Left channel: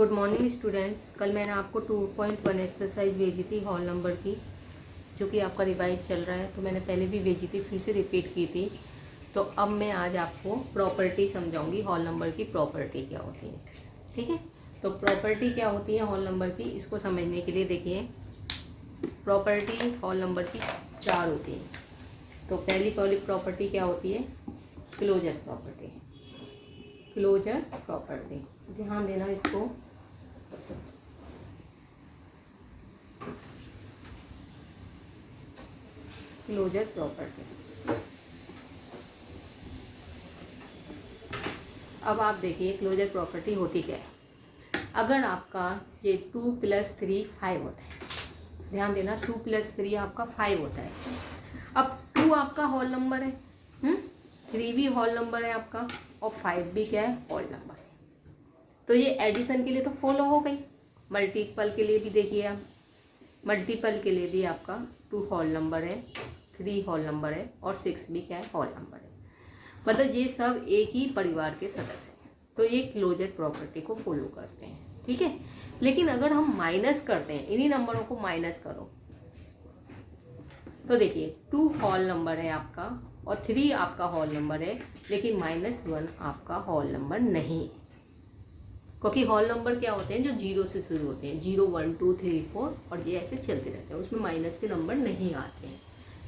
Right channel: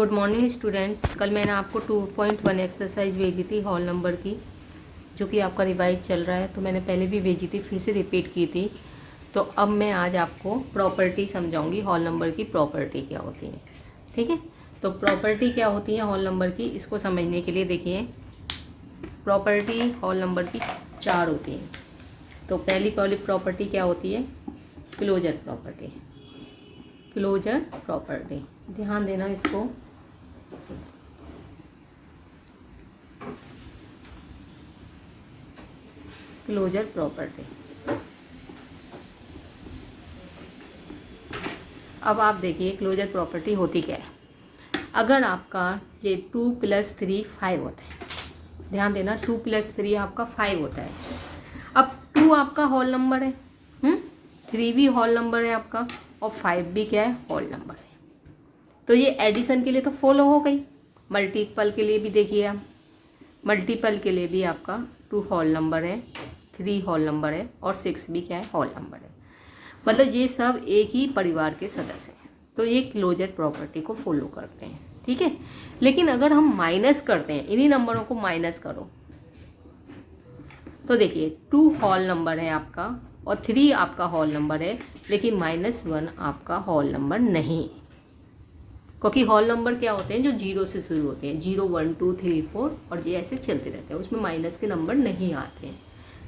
Good morning students. कल मैंने आपको 2.1 एक्सरसाइज भेजी थी हॉल नंबर की, जो कि आपका रिवाइज चल रहा है। तो मैंने पहले भी भेजी थी, फिर से रिपीट की थी। तो अब मैं आज आपको प्रॉपर्टी समझाऊंगी, हॉल नंबर की प्रॉपर्टी क्या होती है। ठीक है, तो प्रॉपर्टी क्या होती है हॉल नंबर की, इसको समझने के लिए देखिए, प्रॉपर्टी हॉल नंबर की 4 होती है। तो पहली प्रॉपर्टी क्या होती है? Closure property. क्लोजर प्रॉपर्टी, ध्यान देना इसको। Closure property. अब आप देखिए क्लोजर प्रॉपर्टी होती क्या है। अगर आपका ये 2 + 3 5 होता है, ध्यान देना, 2 + 3 आपका 5 होता है। अब 2 आपका हॉल नंबर है, 3 भी हॉल नंबर है आपका, और 5 भी क्या है? हॉल नंबर है। तो ये एडिशन के लिए तो फॉलो हो गई। मल्टीपल के लिए भी देखिए आप, मल्टीपल के लिए भी आपका 2 हॉल नंबर है, 3 हॉल नंबर है, और 6 भी क्या है? हॉल नंबर है। मतलब ये सब एक ही परिवार के सदस्य हैं। तो ये क्लोजर प्रॉपर्टी को फॉलो करते हैं। ठीक है, लेकिन अगर हम माइनस करते हैं, इन्हीं नंबरों को माइनस करो, तो देखिए 2 हॉल नंबर है आपका और 3 आपका हॉल नंबर है, लेकिन -1 आपका हॉल नंबर नहीं, क्योंकि हॉल नंबर क्या होते हैं? जो 0 से शुरू होते हैं, 0 1 2 3 4, और ये ऐसे चलते रहते हैं, उसमें माइनस के नंबर नहीं आते हैं।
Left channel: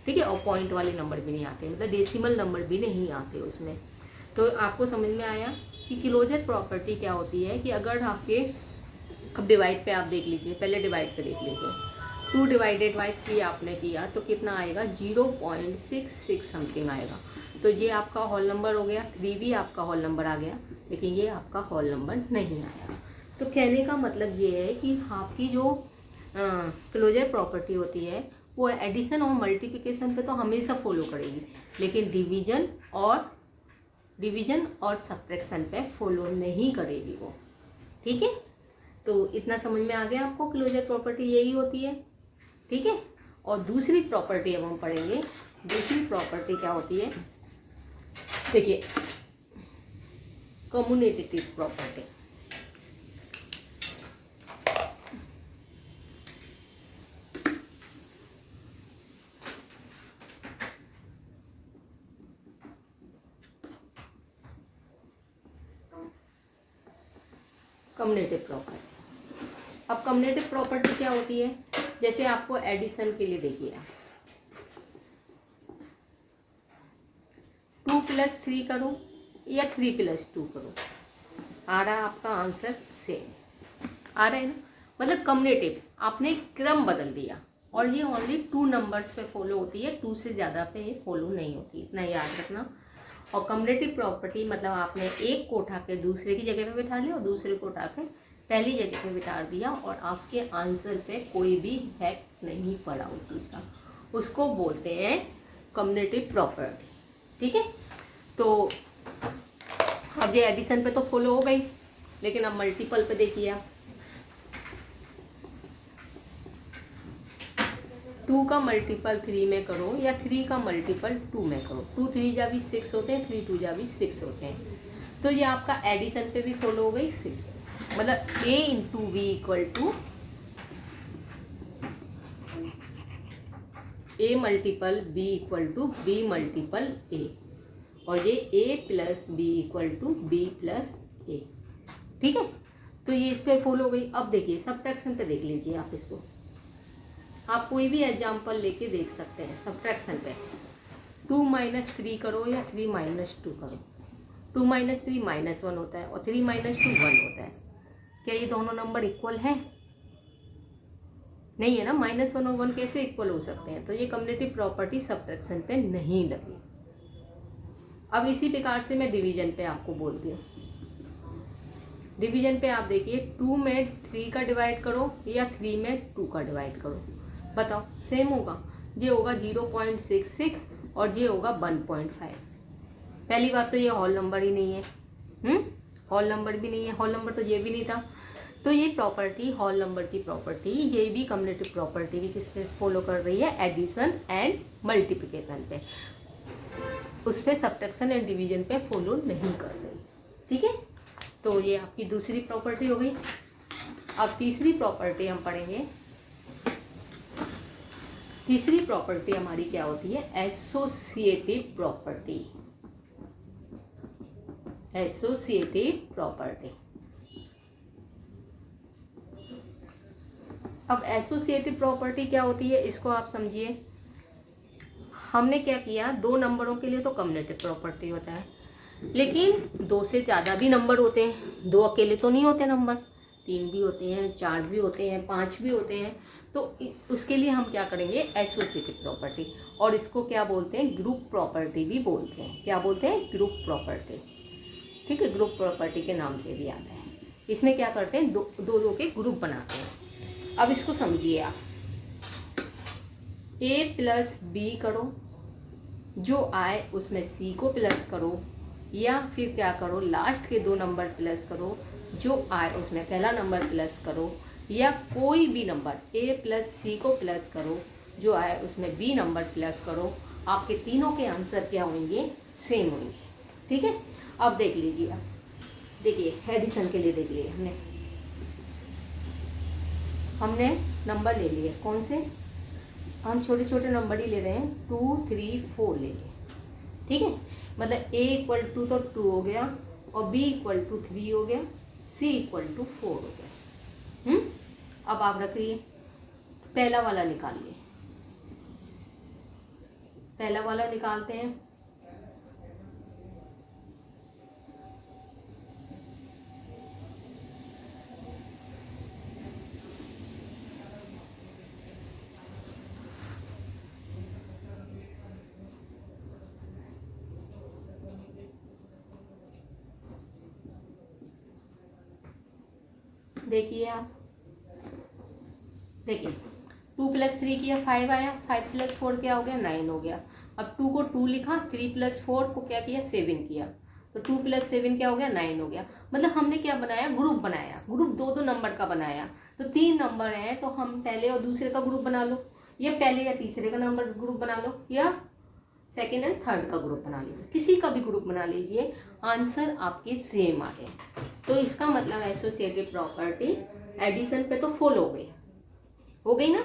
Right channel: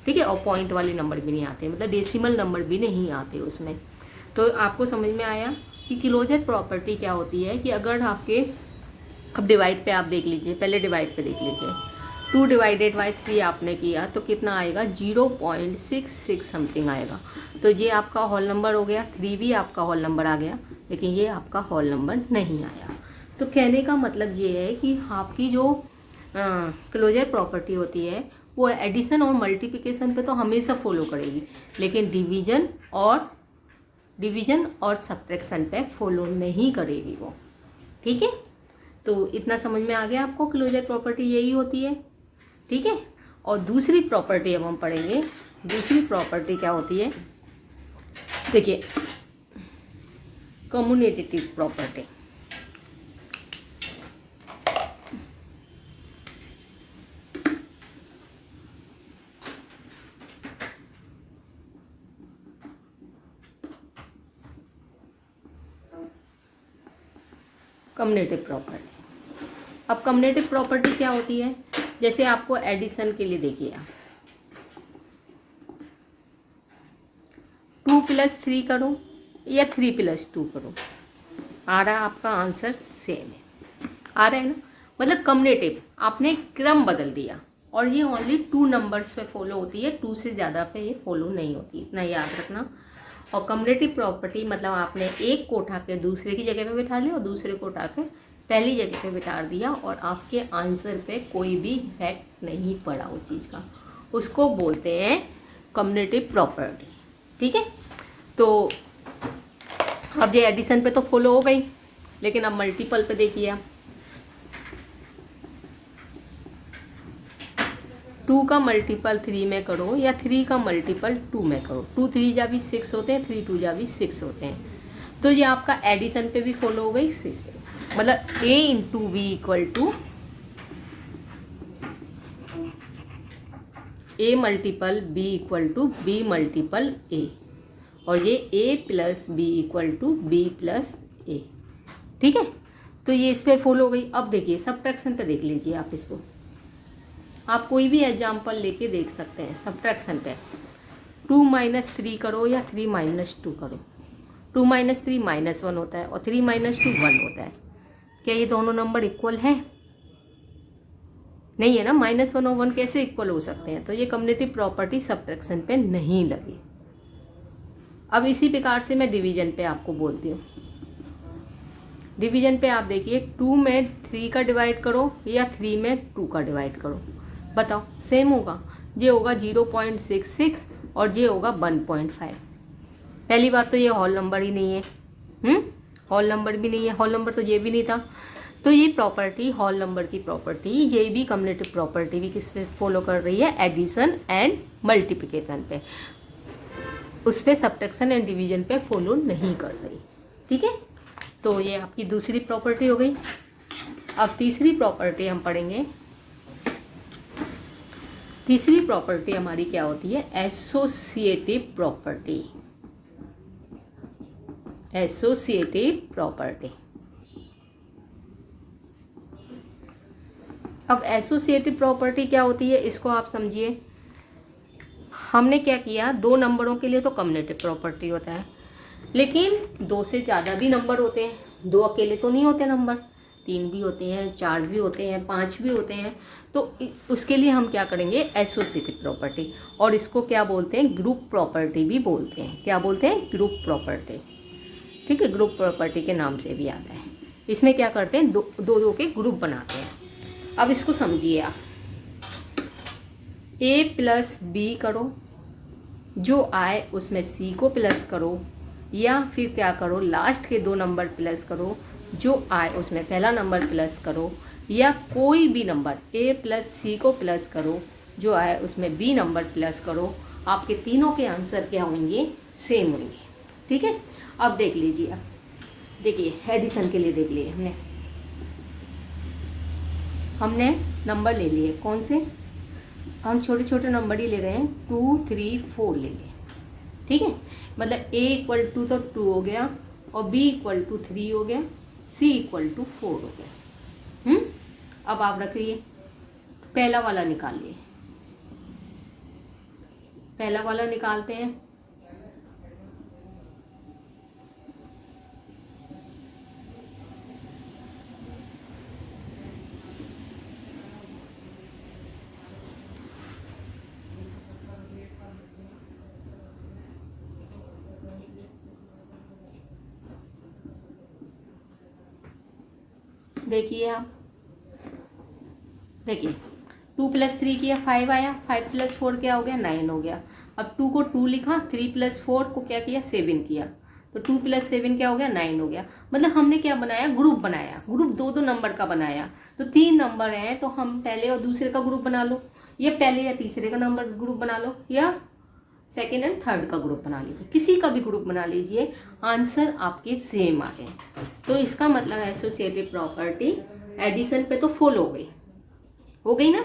ठीक है, और पॉइंट वाले नंबर भी नहीं आते, मतलब डेसिमल नंबर भी नहीं आते उसमें। तो आपको समझ में आया कि क्लोजर प्रॉपर्टी क्या होती है। कि अगर आपके, अब डिवाइड पे आप देख लीजिए, पहले डिवाइड पे देख लीजिए, 2 / 3 आपने किया तो कितना आएगा? 0.66 समथिंग आएगा। तो ये आपका हॉल नंबर हो गया, 3 भी आपका हॉल नंबर आ गया, लेकिन ये आपका हॉल नंबर नहीं आया। तो कहने का मतलब ये है कि आपकी जो क्लोजर प्रॉपर्टी होती है वो एडिशन और मल्टीप्लिकेशन पे तो हमेशा फॉलो करेगी, लेकिन डिवीजन और सब्ट्रैक्शन पे फॉलो नहीं करेगी वो। ठीक है, तो इतना समझ में आ गया आपको, क्लोजर प्रॉपर्टी यही होती है। ठीक है, और दूसरी प्रॉपर्टी अब हम पढ़ेंगे। दूसरी प्रॉपर्टी क्या होती है? देखिए, कम्युटेटिव प्रॉपर्टी। Commutative property. अब कम्युटेटिव प्रॉपर्टी क्या होती है? जैसे आपको एडिशन के लिए देखिए, 2 + 3 करो या 3 + 2 करो, आ रहा है आपका आंसर सेम है, आ रहा है ना। मतलब कम्युटेटिव, आपने क्रम बदल दिया, और ये ओनली 2 नंबर्स पे फॉलो होती है, 2 से ज़्यादा पे ये फॉलो नहीं होती, इतना याद रखना। और कम्युटेटिव प्रॉपर्टी मतलब आपने एक को उठा के दूसरे की जगह पे बिठा लिया, और दूसरे को उठा के पहली जगह पे बिठा दिया, और आपके आंसर पे कोई भी इफेक्ट नहीं पड़ा उस चीज़ का, उसको बोलते हैं कम्युटेटिव प्रॉपर्टी। ठीक है, तो अब ये एडिशन पे तो फॉलो हो गई, लेकिन अब मल्टीपल पे देखिए आप, 2 का मल्टीपल 3 में करो या 3 का मल्टीपल 2 में करो, 2 3 जा भी 6 होते हैं, 3 2 जा भी 6 होते हैं। तो ये आपका एडिशन पे भी फॉलो हो गई, 6 पे, मतलब a × b = a multiple b = b multiple a, और ये a + b = b + a। ठीक है, तो ये इस पे फॉलो हो गई। अब देखिए सब्ट्रैक्शन पे देख लीजिए आप इसको, आप कोई भी एग्जाम्पल लेके देख सकते हैं। सब्ट्रैक्शन पे 2 - 3 करो या 3 - 2 करो, 2 - 3 -1 होता है, और 3 - 2 1 होता है। क्या ये दोनों नंबर इक्वल है? नहीं है ना, -1 और 1 कैसे इक्वल हो सकते हैं? तो ये कम्युटेटिव प्रॉपर्टी सब्ट्रैक्शन पे नहीं लगी। अब इसी प्रकार से मैं डिवीजन पे आपको बोलती हूँ। डिवीजन पे आप देखिए, 2 में 3 का डिवाइड करो या 3 में 2 का डिवाइड करो, बताओ सेम होगा? ये होगा 0.66 और ये होगा 1.5। पहली बात तो ये हॉल नंबर ही नहीं है, हॉल नंबर भी नहीं है, हॉल नंबर तो ये भी नहीं था। तो ये प्रॉपर्टी, हॉल नंबर की प्रॉपर्टी, ये भी कम्युटेटिव प्रॉपर्टी भी किस पे फॉलो कर रही है? एडिशन एंड मल्टीप्लिकेशन पे, उस पर सब्ट्रैक्शन एंड डिवीजन पे फॉलो नहीं कर रही। ठीक है, तो ये आपकी दूसरी प्रॉपर्टी हो गई। अब तीसरी प्रॉपर्टी हम पढ़ेंगे। तीसरी प्रॉपर्टी हमारी क्या होती है? Associative property. Associative property. अब एसोसिएटिव प्रॉपर्टी क्या होती है इसको आप समझिए। हमने क्या किया, दो नंबरों के लिए तो कम्युटेटिव प्रॉपर्टी होता है, लेकिन दो से ज़्यादा भी नंबर होते हैं, दो अकेले तो नहीं होते नंबर, तीन भी होते हैं, चार भी होते हैं, पाँच भी होते हैं। तो उसके लिए हम क्या करेंगे? Associative property. और इसको क्या बोलते हैं? ग्रुप प्रॉपर्टी भी बोलते हैं। क्या बोलते हैं? Group property. ठीक है, ग्रुप प्रॉपर्टी के नाम से भी आता है। इसमें क्या करते हैं? दो दो के ग्रुप बनाते हैं। अब इसको समझिए आप, ए प्लस बी करो, जो आए उसमें सी को प्लस करो, या फिर क्या करो, लास्ट के दो नंबर प्लस करो, जो आए उसमें पहला नंबर प्लस करो, या कोई भी नंबर ए प्लस सी को प्लस करो, जो आए उसमें बी नंबर प्लस करो। आपके तीनों के आंसर क्या होंगे? सेम होंगे। ठीक है, अब देख लीजिए आप, देखिए एडिशन के लिए देख लिए हमने नंबर ले लिए। कौन से? हम छोटे छोटे नंबर ही ले रहे हैं, 2 3 4 ले लिए। ठीक है, मतलब a इक्वल टू तो 2 हो गया, और b इक्वल टू 3 हो गया, c इक्वल टू 4 हो गया। अब आप रखिए, पहला वाला निकालिए। पहला वाला निकालते हैं। देखिए आप, देखिए 2 + 3 किया 5 आया, 5 + 4 क्या हो गया? 9 हो गया। अब 2 को 2 लिखा, 3 + 4 को क्या किया? 7 किया, तो 2 + 7 क्या हो गया? 9 हो गया। मतलब हमने क्या बनाया? ग्रुप बनाया। ग्रुप दो दो नंबर का बनाया। तो 3 नंबर हैं तो हम पहले और दूसरे का ग्रुप बना लो, या पहले या तीसरे का नंबर ग्रुप बना लो, या सेकेंड एंड थर्ड का ग्रुप बना लीजिए, किसी का भी ग्रुप बना लीजिए, आंसर आपके सेम आए। तो इसका मतलब एसोसिएटिव प्रॉपर्टी एडिशन पे तो फुल हो गई ना।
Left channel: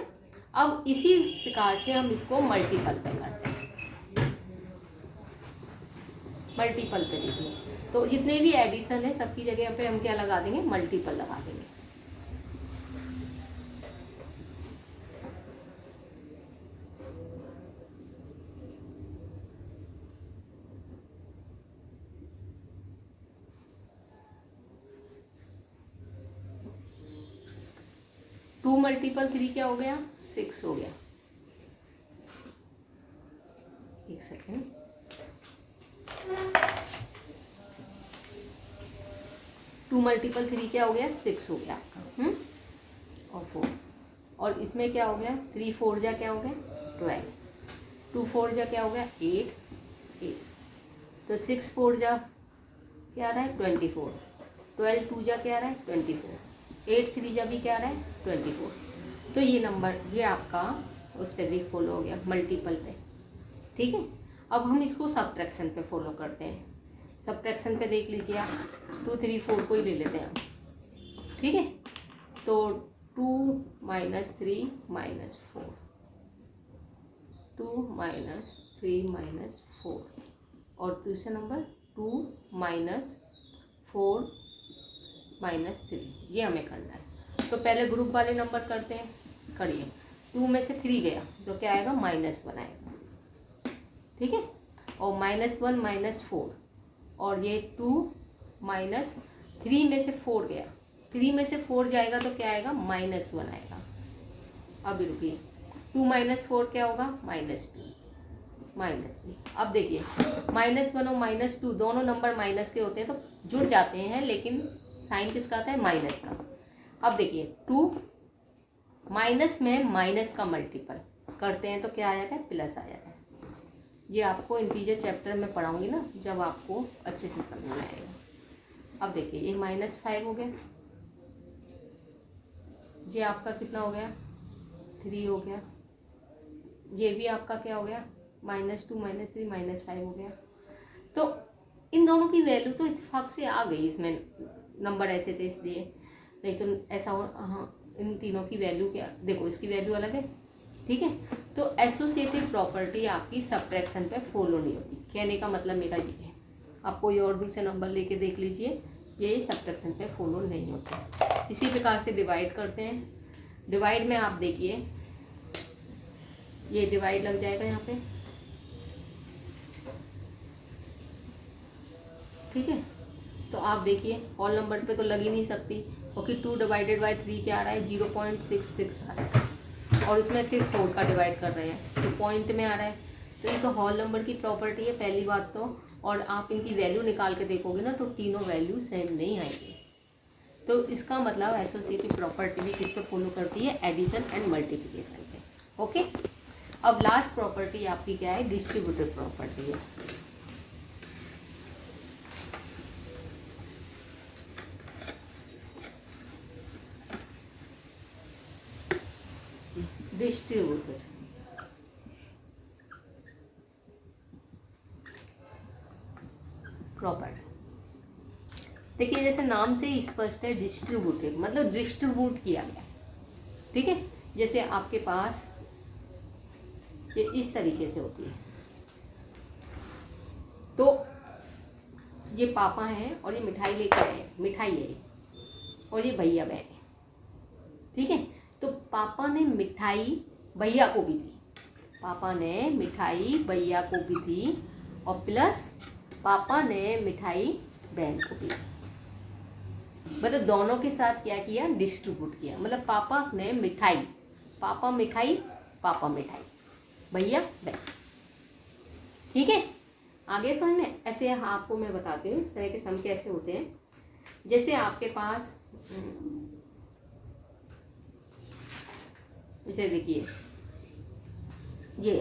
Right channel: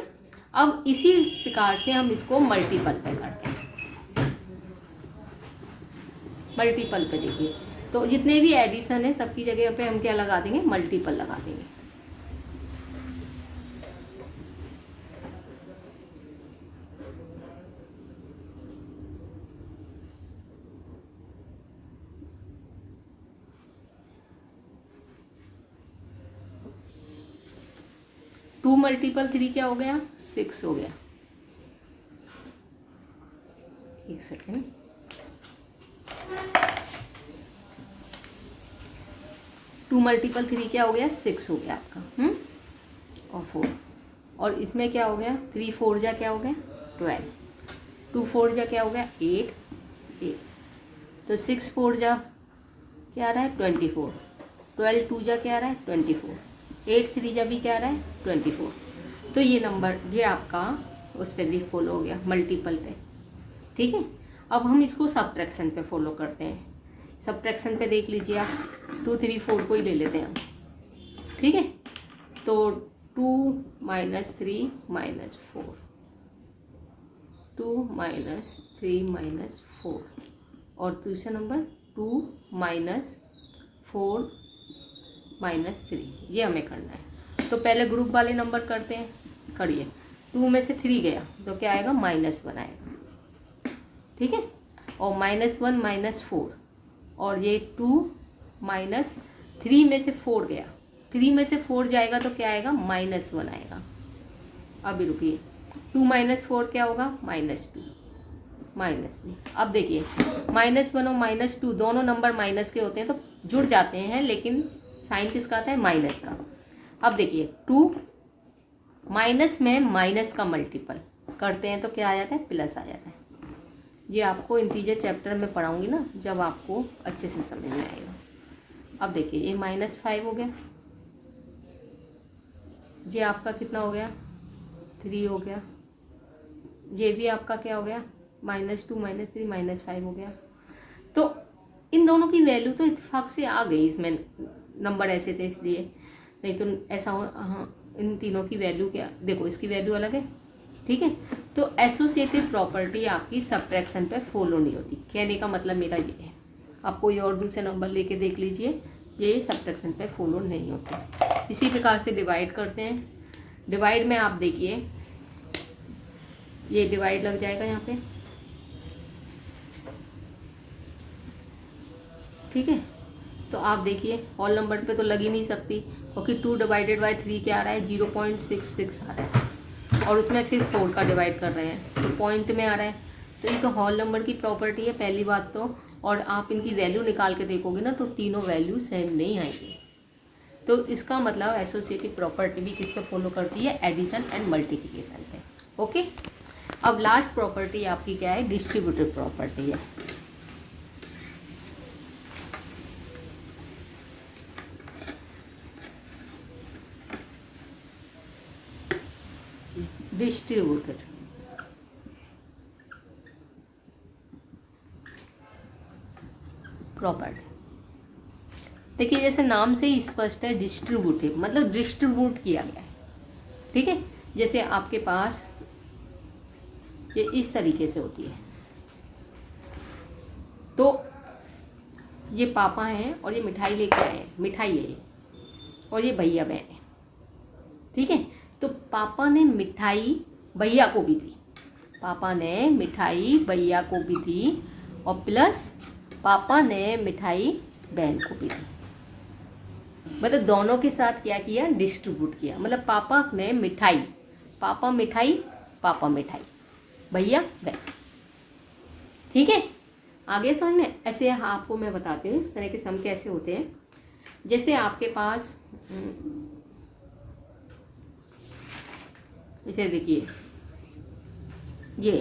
अब इसी प्रकार से हम इसको मल्टीपल पे करते हैं। मल्टीपल पे देखिए, तो जितने भी एडिशन है सबकी जगह पे हम क्या लगा देंगे? मल्टीपल लगा देंगे। टू मल्टीपल 3 क्या हो गया? 6 हो गया। एक सेकेंड, टू मल्टीपल 3 क्या हो गया? 6 हो गया आपका। और 4, और इसमें क्या हो गया? 3 4 जा क्या हो गया? 12, 2 4 जा क्या हो गया? 8, तो 6 4 जा क्या आ रहा है? 24, 12 2 जा क्या आ रहा है? 24, 8 3 जा भी क्या आ रहा है? 24। तो ये नंबर ये आपका उस पर भी फॉलो हो गया, मल्टीपल पे। ठीक है, अब हम इसको सब्ट्रैक्शन पे फॉलो करते हैं। सब्ट्रैक्शन पे देख लीजिए आप, 2 3 4 को ही ले लेते हैं हम। ठीक है, तो 2 - 3 - 4, 2 - 3 - 4, और दूसरा नंबर 2 - 4 - 3, ये हमें करना है। तो पहले ग्रुप वाले नंबर करते हैं, करिए। 2 में से 3 गया तो क्या आएगा? -1 आएगा। ठीक है, और -1 - 4, और ये 2 - 3 में से 4 गया, 3 में से 4 जाएगा तो क्या आएगा? -1 आएगा। अभी रुकिए, 2 - 4 क्या होगा? -2, -3। अब देखिए, -1 और -2 दोनों नंबर माइनस के होते हैं तो जुड़ जाते हैं, लेकिन साइन किसका आता है? माइनस का। अब देखिए 2 माइनस में माइनस का मल्टीपल करते हैं तो क्या आ जाता है? प्लस आ जाता है। ये आपको इंटीजर चैप्टर में पढ़ाऊंगी ना, जब आपको अच्छे से समझ में आएगा। अब देखिए ये -5 हो गया, ये आपका कितना हो गया? 3 हो गया। ये भी आपका क्या हो गया? -2 - 3 -5 हो गया। तो इन दोनों की वैल्यू तो इत्तेफाक से आ गई, इसमें नंबर ऐसे थे इसलिए। नहीं तो ऐसा हो, हाँ इन तीनों की वैल्यू क्या, देखो इसकी वैल्यू अलग है, ठीक है। तो एसोसिएटिव प्रॉपर्टी आपकी सब्ट्रैक्शन पे फॉलो नहीं होती। कहने का मतलब मेरा ये है, आप कोई और दूसरे नंबर लेके देख लीजिए, ये सब्ट्रैक्शन पे फॉलो नहीं होता। इसी प्रकार से डिवाइड करते हैं। डिवाइड में आप देखिए ये डिवाइड लग जाएगा यहाँ पे, ठीक है। तो आप देखिए ऑल नंबर पे तो लग ही नहीं सकती, क्योंकि 2 डिवाइडेड बाई 3 क्या आ रहा है, 0.66 आ रहा है, और उसमें फिर 4 का डिवाइड कर रहे हैं तो पॉइंट में आ रहा है। तो ये तो होल नंबर की प्रॉपर्टी है पहली बात तो, और आप इनकी वैल्यू निकाल के देखोगे ना तो तीनों वैल्यू सेम नहीं आएंगी। तो इसका मतलब एसोसिएटिव प्रॉपर्टी भी किस पे फॉलो करती है, एडिशन एंड मल्टीप्लिकेशन पे। ओके, अब लास्ट प्रॉपर्टी आपकी क्या है, डिस्ट्रीब्यूटिव प्रॉपर्टी है। डिस्ट्रीब्यूटेड प्रॉपर्टी, देखिए जैसे नाम से ही स्पष्ट है, डिस्ट्रीब्यूटिव मतलब डिस्ट्रीब्यूट किया गया है, ठीक है। जैसे आपके पास ये इस तरीके से होती है, तो ये पापा हैं और ये मिठाई लेके आए हैं, मिठाई है ये, और ये भैया बहन है, ठीक है। तो पापा ने मिठाई भैया को भी दी, पापा ने मिठाई भैया को भी दी, और प्लस पापा ने मिठाई बहन को भी दी। मतलब दोनों के साथ क्या किया, डिस्ट्रीब्यूट किया। मतलब पापा ने मिठाई, पापा मिठाई, पापा मिठाई, भैया बहन, ठीक है। आगे समझ में, ऐसे आपको मैं बताती हूँ इस तरह के सम कैसे होते हैं। जैसे आपके पास इसे देखिए, ये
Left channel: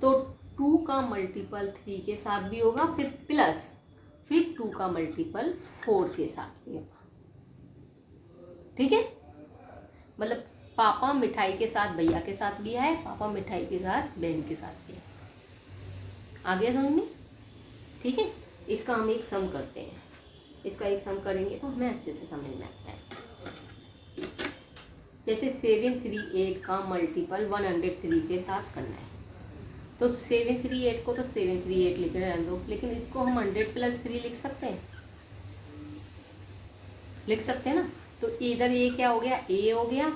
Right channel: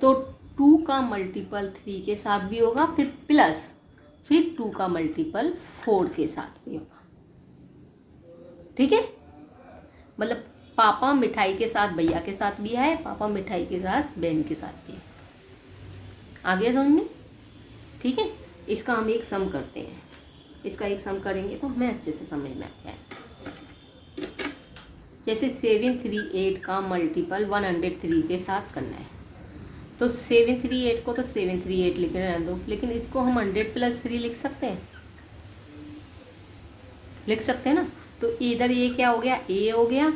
तो 2 का मल्टीपल 3 के साथ भी होगा, फिर प्लस फिर 2 का मल्टीपल 4 के साथ भी होगा, ठीक है। मतलब पापा मिठाई के साथ भैया के साथ भी है, पापा मिठाई के साथ बहन के साथ भी है। आगे समझ में, ठीक है। इसका हम एक सम करते हैं, इसका एक सम करेंगे तो हमें अच्छे से समझ में आता है। जैसे 738 का मल्टीपल 103 के साथ करना है, तो 738 को तो 738 लिख रहने दो, लेकिन इसको हम 100 + 3 लिख सकते हैं, लिख सकते हैं ना। तो इधर ये क्या हो गया, ए हो गया,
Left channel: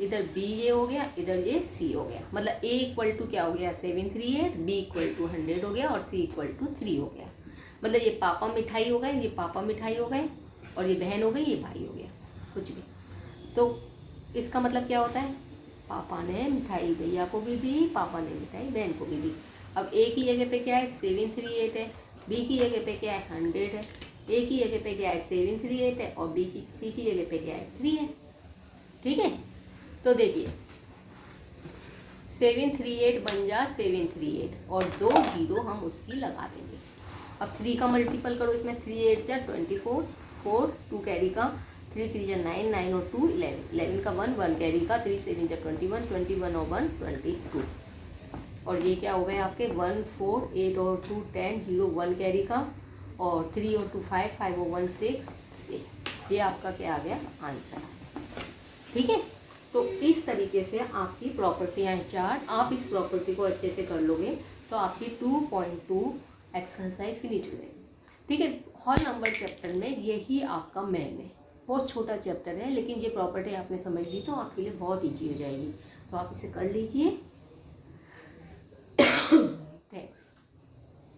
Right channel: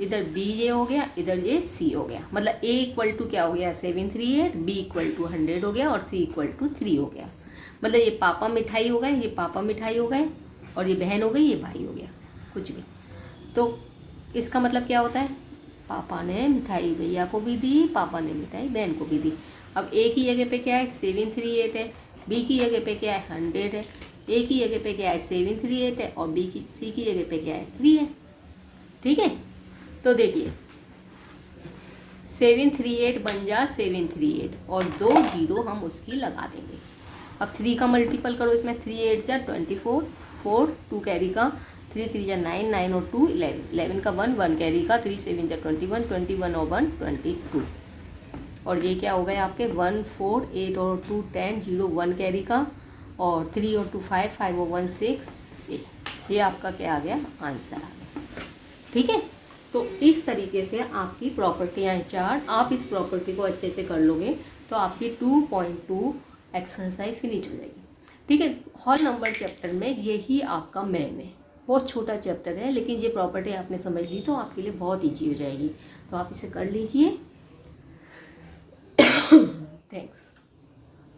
इधर बी ये हो गया, इधर ये सी हो गया। मतलब ए इक्वल टू क्या हो गया, 738, बी इक्वल टू 100 हो गया, और सी इक्वल टू 3 हो गया। मतलब ये पापा मिठाई हो गए, ये पापा मिठाई हो गए, और ये बहन हो गई, ये भाई हो गया, कुछ भी। तो इसका मतलब क्या होता है, पापा ने मिठाई भैया को भी दी, पापा ने मिठाई बहन को भी दी। अब ए की जगह पे क्या है, 738 है, बी की जगह पे क्या है, 100 है, ए की जगह पे क्या है, 738 है, और सी की जगह पे क्या है, 3 है, ठीक है। तो देखिए 738 बन जा 738, और 2 0 हम उसकी लगा देंगे। अब 3 का मल्टीपल करो इसमें, 3 8 जा 24, 4 2 कैरी का, 3 3 जा 9, 9 और 2 11, 11 का 1 1 कैरी का, 3 7 जा 21, 21 और 1 22, और ये क्या हो गए आपके 1 4 8 और 2 10 0 1 कैरी का, और 3 और 2 5 5 और 1 6। ये आपका क्या आ गया, आंसर, ठीक है। तो इस तरीके से आपकी प्रॉपर्टियाँ हैं 4। आप इस प्रॉपर्टी को अच्छे से कर लोगे तो आपकी 2.2 एक्सरसाइज फिनिश हो जाएगी, ठीक है। होल नंबर चैप्टर में यही आपका मेन है, बहुत छोटा चैप्टर है, लेकिन ये प्रॉपर्टी आपने समझ ली तो आपके लिए बहुत ईजी हो जाएगी। तो आप इसे कर लीजिए। थैंक्स।